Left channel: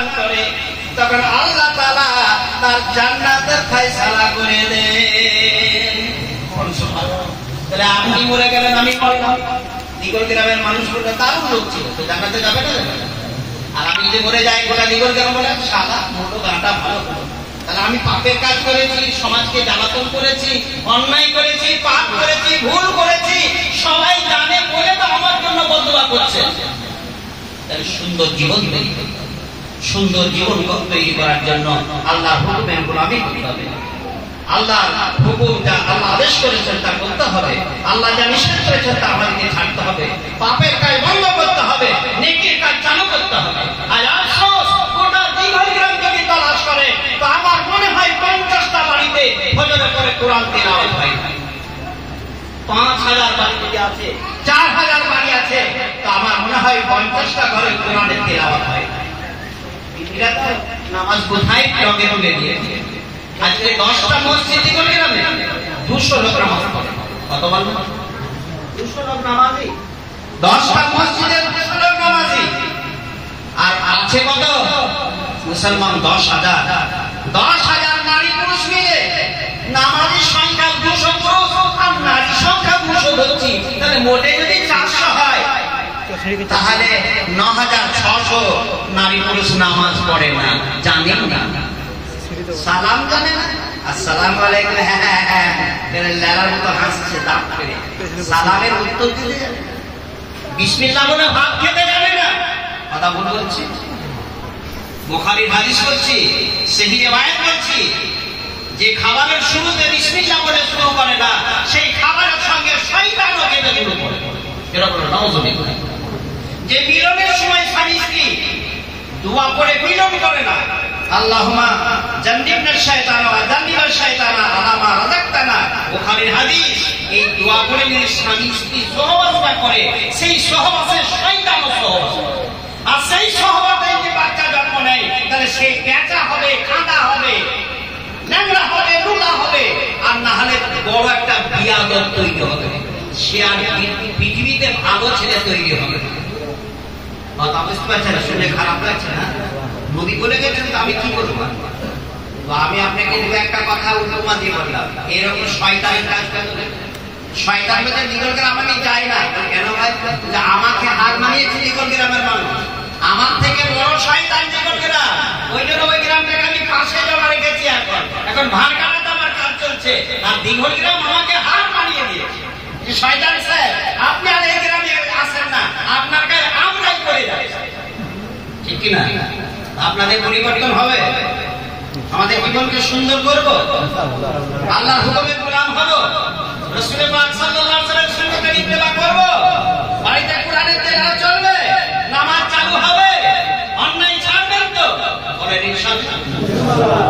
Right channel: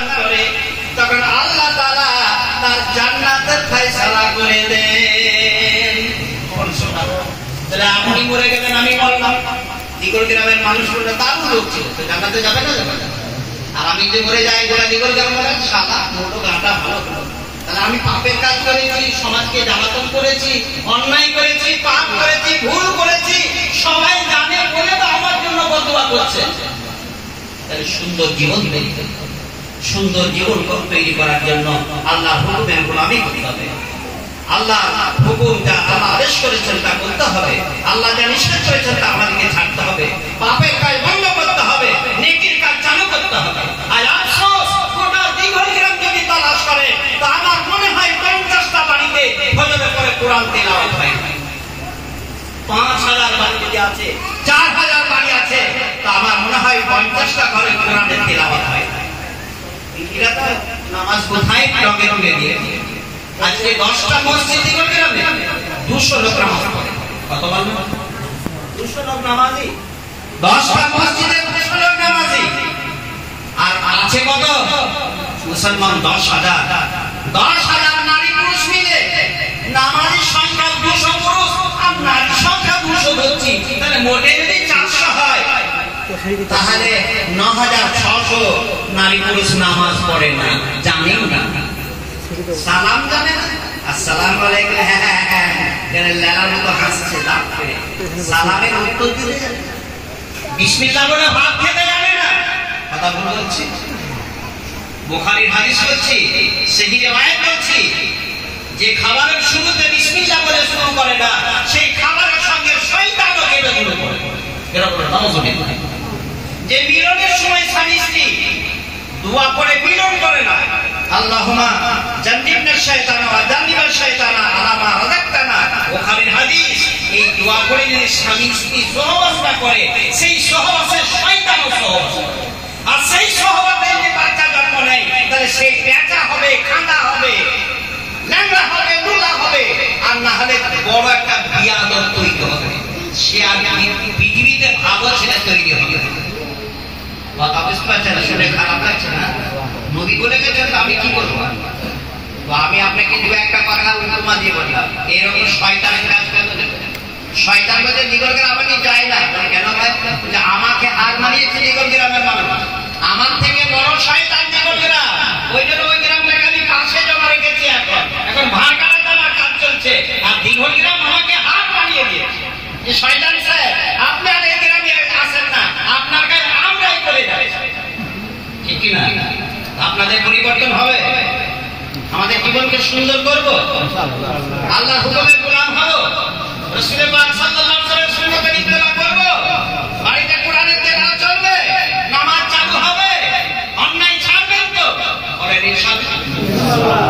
দান করে, তখন আল্লাহ তাআলা তার জান্নাতের ফয়সালা করে দেন। তাহলে আপনি মরে গেলেন, আমি বললাম, দিগল গ্রামের মানুষগুলো দারুণ লোক ছিল, তো জান্নাতে যাবে না? যাবে না। আর আমি যদি মরে যাই, গোটা দিগল গ্রাম বলেন সাদা মোটো গাঁটা ভালো হলো। তাহলে আমি পাপের কাজ করেছি, সমাজকে জ্বালাতন করেছি, অন্যায় করেছি, পাপ করেছি, ভুল করেছি, সবাই জানে বলে তো আমার জন্য বদদুয়া করছে। তাহলে সুন্দর জীবন তৈরি করতে হবে। সুন্দর জীবন তৈরি করার জন্য আল্লাহর হুকুমের গোলামি করতে হবে। আল্লাহ হুকুম যা আল্লাহ আদেশ করেছেন তা করতে হবে, আল্লাহ যা নিষেধ করেছেন তা আমাদেরকে ছাড়তে হবে, পাপের কাজ বন্ধ করতে হবে, নেকির কাজ চালু করতে হবে। আর আফসোস, গোটা দিগল গ্রাম যদি তালাশ করে তো আমার মনে হয় 50টা বাড়িতে ফজরের পরে কোরআন তেলাওয়াত হয়। 5000 বাড়ি যদি আছে, 4000 বাড়ি আছে, তো আমার মনে হয় 50টা ঘরে কোরআনের তেলাওয়াত হয়। এরা তো নামাজ কোথায় রঙে রঙে দিয়ে আজকে 10টা মসজিদ দিগল গ্রামে 200 লোক নামাজ পড়ে। কত বলবো? 200 লোক নামাজি, 10টা মসজিদে 200 লোক নামাজি। আর আছে কত মুসলমান? 10,000। 10,000 নারী পুরুষ মিলে নামাজির সংখ্যা 200 পুরুষ আর নারী সংখ্যা 200 হচ্ছে। তাহলে মোটে যদি 400 হয়, তাহলে 9,600 নারী পুরুষ নামাজ পড়ে না, জানেন না, সালাম জানে না। আসসালামু আলাইকুম, হ্যাঁ হ্যাঁ হ্যাঁ, লেলার মতো হাসছে দাঁত করে, সালামের উত্তর দিতে জানে না, বিসমিল্লাহ বলে ভাত খেতে জানে না। কথা বলছি, বুখারীর হাদিস বলছি, সহিহ রিওয়ায়াত বলছি, যে খাবারের শুরুতে বিসমিল্লাহ বলে শুরু করে না, সেই খাবারের সঙ্গে শয়তানও কেটে শুরু করে। এরকম নাউযুবিল্লাহ। যে মিলনের সময় স্বামী স্ত্রী দোয়া করে মিলন করে না, আল্লাহুম্মা জান্নিবনা শাইতানা ওয়া জান্নিবা শাইতানা আলা মা রাযাকতানা, বুখারীর হাদিস। এই দোয়া করে যদি স্বামী স্ত্রী সহবাস করে, সেই সহবাসে শয়তানও সহবাস করে। আর সেই সহবাসে যে বাচ্চা জন্ম নেয়, তাহলে সেই পেঁচা হবে, খাঁটা হবে, ল্যাংড়া হবে, লুলা হবে, আর না হলে বড় একটা বিয়াদব তৈরি হবে। সে আর পৃথিবীতে ভালো ছেলে তৈরি হবে। কথা বুঝতে পারছেন না? শুনে খারাপ লাগছে না? নবী বলে গেছেন, তো আমি কি বলবো? তো আমি আপনাকে দু একটা কথা উপমা দিয়ে বললাম। এরকম শয়তানের কাজ করতে, শয়তান বলছে দিগল গ্রাম আমি যাই না। কেন ভাই? যে আমাকে হার মানিয়েছে দিগল গ্রামের মানুষ, আমার থেকে বড় শয়তান দিগল গ্রাম। ওই জন্য ওই গ্রামটাকে আমি পাশে জমা রেখেছি। এখন ভাড় কাটাতে আমার কাজ চলছে, আর দিগল গ্রাম আমাকে হার মানিয়ে দিয়েছে যে শয়তান স্যার আপনি আর এই গ্রামে আসেন না, আপনার কাছে আমরাই করে যাচ্ছি। ঠিক কিনা? আপনাদের পরিবর্তন হবে, আমাদের জীবনকে সুন্দর করব, আল্লাহর হুকুমের গোলাম হব, রাসূল পাক সাল্লাল্লাহু আলাইহি ওয়াসাল্লামের সুন্নতের ইত্তেবা করব, বাড়িতে কোরআনের তেলাওয়াত চলবে, নামাজ চালু হবে, অন্যায় ছাড়বেন তো? বলেন ইনশাআল্লাহ।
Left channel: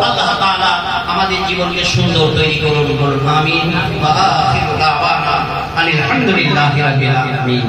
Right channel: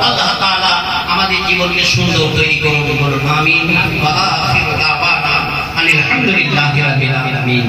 আল্লাহ তাআলা আমাদের জীবনকে সুন্দর তৈরি করুন, বলুন আমিন। ওয়া আখিরু দাওয়ানা আলহামদুলিল্লাহি রাব্বিল আলামিন।